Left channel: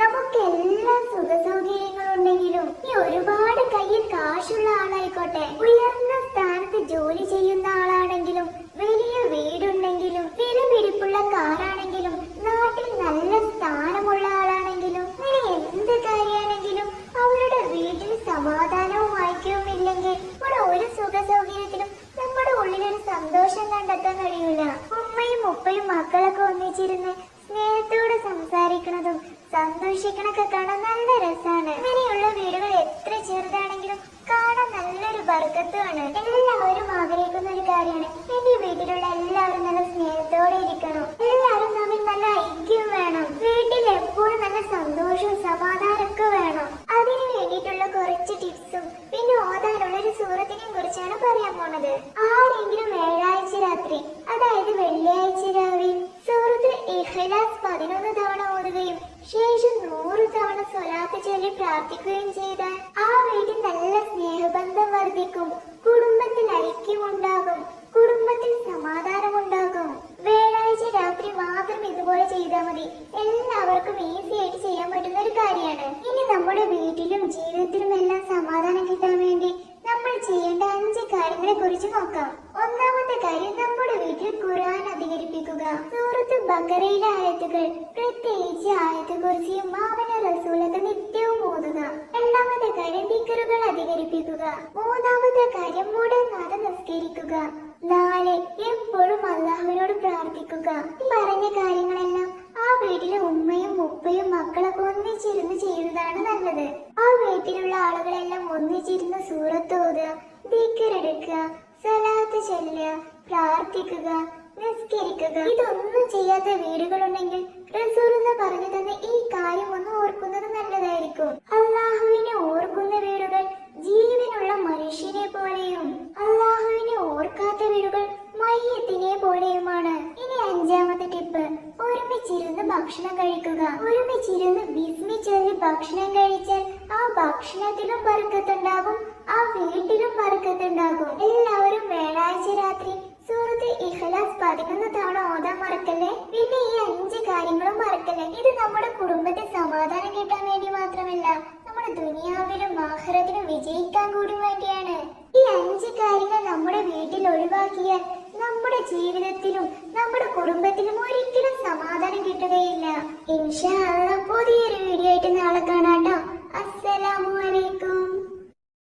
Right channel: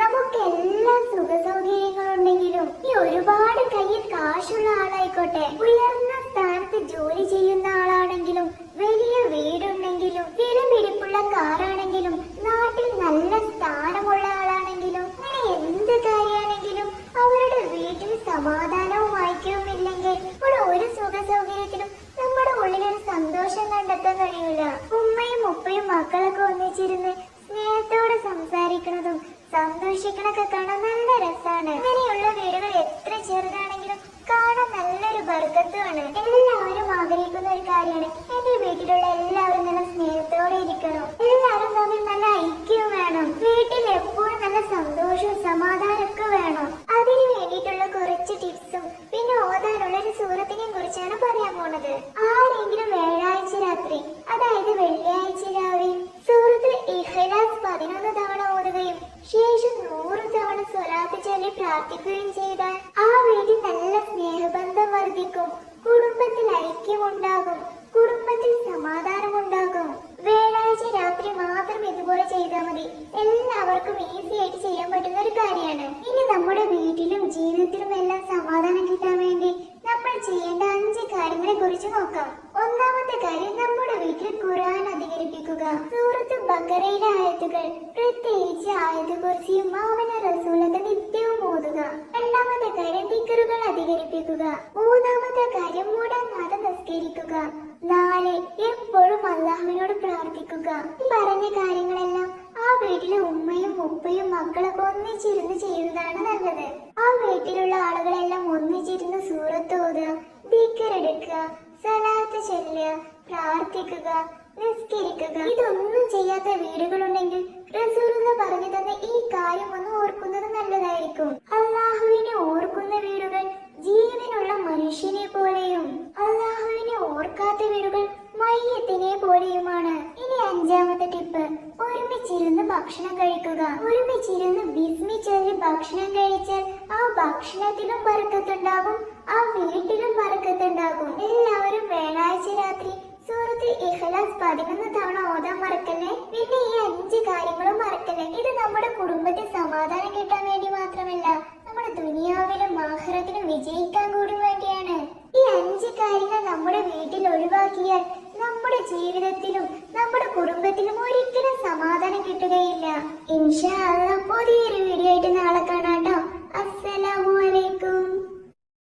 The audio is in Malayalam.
നമുക്ക് എല്ലാ സുഖ സൗകര്യങ്ങളുണ്ടെങ്കിലും ഈ ഒരുപാട് കയ്യിൽ കാശുള്ള ആളായിക്കോട്ടെ. ഉയർന്ന സ്ഥാനത്ത് ജോലി ചെയ്യുന്ന ആളാണെങ്കിലും വലിയ വീടുണ്ടെങ്കിലും വിലപിടിപ്പുള്ള കാറാണെങ്കിലും നാട്ടിൽ നല്ല സ്ഥാനമുള്ള ആളാണെങ്കിലും അങ്ങനെ എന്ത് കാര്യമാണെങ്കിലും അവരുടെ വീട്ടിൽ സമാധാനവും ഐക്യവും ഇവിടെ ഒരു സുഖ സൗകര്യത്തിലും നമ്മുടെ ഉള്ളിലൊരു സന്തോഷം കണ്ടെത്താൻ കഴിയില്ല ഉമ്മയും ഉപ്പയും മക്കളൊക്കെ ഒന്നിച്ചിരുന്ന് സ്നേഹത്തോട് സംസാരിക്കുന്നതും സന്തോഷിക്കണൊക്കെ കാണാൻ നല്ല രസമാണ്. അങ്ങനെയുള്ള വീടുകൾ എത്ര ചെറുതാണെങ്കിലും കാണാൻ നല്ലൊരു ബർക്കത്തുമാണ് എല്ലാവരും ആഗ്രഹിക്കുന്ന ഒരു കാര്യമാണ്. എന്റെ വീട്ടിലുള്ള എല്ലാവരും നല്ല സ്നേഹത്തോടെ ഇരിക്കണം. എല്ലാവരും തമ്മിൽ നല്ല ഐക്യം വേണം. വീട്ടിൽ എപ്പോഴും നല്ല സന്തോഷവും സമാധാനമൊക്കെ വേണം. അതിനു വേണ്ടിയിട്ടുള്ള കുറച്ച് ടിപ്സും പിന്നെ ഓതാനുള്ള ഒരു സുഹൃത്തിനെയും കുറിച്ചാണ് പറയാൻ പോണത്. ആരെങ്കിലും വ്യാഴാഴ്ച രാത്രി അതായത് വെള്ളിയാഴ്ച രാവിലെ സൂറത്ത് ഇഖ്ലാസ് പതിനൊന്ന് തവണ ഓതുകയും ശേഷം നൂറ് തവണ സ്വലാത്ത് ചൊല്ലി പ്രാർത്ഥിക്കുകയും ചെയ്താൽ ആ വീട്ടിൽ നല്ല സ്നേഹബന്ധം വർദ്ധിക്കും. കുടുംബത്തിൽ ഐക്യമുണ്ടാകും. കുടുംബത്തിൽ സമാധാനമുണ്ടാകും. വ്യാഴാഴ്ച രാത്രി മാത്രം ഇതുപോലെ ചെയ്താൽ മതി. എല്ലാവർക്കും ഈസി ആയിട്ട് ചെയ്യാൻ പറ്റുന്ന ഒരു കാര്യമാണ്. ഇനി നമ്മുടെ വീട്ടിലും ജീവിതത്തിലും എല്ലാം സമാധാനം കിട്ടാൻ വേണ്ടി നമ്മൾ ചെയ്യേണ്ട അഞ്ച് കാര്യങ്ങളെ കുറിച്ച് നോക്കാം ഒന്നാമത്തെ കാര്യം നമ്മുടെ വീട്ടിൽ ഖുർആൻ അധികരിപ്പിക്കുക സൂറത്ത് ബക്കറയിലെ ആയത്തുകൾ പ്രത്യേകിച്ച് ആയത്ത് കുറിച്ച് മാമന റസൂലത്ത് നിത്യവും ഓതുക. രണ്ടാമത്തെ കാര്യം ദിക്കറുകൾ അധികരിപ്പിക്കുക. മൂന്നാമത്തെ കാര്യം മുടങ്ങാതെ നിസ്കരിക്കുക. നാല് എപ്പോഴും അള്ളാഹുവിനോട് പ്രാർത്ഥിക്കുക. പറഞ്ഞ കാര്യങ്ങളെല്ലാം ആ വീട്ടിലെ ഉമ്മയും ഉപ്പയും മക്കളൊക്കെ ഒന്നിച്ചിരുന്ന് ചെയ്യുന്നതാണ് നല്ലത്. ആ വീട്ടിലുള്ള ആളുകളെല്ലാം ഒന്നിച്ചിരുന്ന് സൂറത്ത് ഓതുക ദിക്കറെടുക്കുക സലാത്ത് ചെല്ലുക പ്രാർത്ഥിക്കുക നിസ്കരിക്കുക. ഇതൊന്നും ചെയ്യാത്ത വീടുകളുണ്ടെങ്കിൽ റസൂൽ എന്ന് പറഞ്ഞു തന്ന ഈ കാര്യം ഒന്ന് ഓർക്കുന്നത് നല്ലതായിരിക്കും. അള്ളാഹുവിനെ ഓർക്കുന്ന വീടുകൾ ജീവനുള്ള മനുഷ്യനെ പോലെയും അള്ളാഹുവിനെ ഓർക്കാത്ത വീടുകൾ മയ്യത്തിനെ പോലെയുമാണ്. ഇനി അഞ്ചാമത്തെ ടിപ്പ് ഒരുമിച്ചിരുന്ന് ഭക്ഷണം കഴിക്കുക. ഒരുമിച്ചിരുന്ന് ബിസ്മി ഭക്ഷണം കഴിച്ചാൽ ആ ഭക്ഷണത്തിലും പറക്കത്തുണ്ടാകും ആ വീട്ടിലും പറക്കത്തുണ്ടാകും എല്ലാവരും ഇഖ്ലാസ് പതിനൊന്ന് തവണ ഓതാൻ മറക്കല്ലേ? പിന്നെ ഈ അഞ്ച് കാര്യങ്ങളും മറക്കല്ലേ? ഇത് നമ്മുടെ കുടുംബത്തിൽ സമാധാനം കിട്ടാൻ വേണ്ടി മാത്രമല്ല നമ്മുടെ ദുനിയാവിലും ആഹ്റത്തിലും വിജയിക്കാൻ കൂടി വേണ്ടിയാണ്. ഈ അഞ്ച് കാര്യങ്ങൾ നമ്മുടെ വീട്ടിൽ ഒഴിവാക്കിയാൽ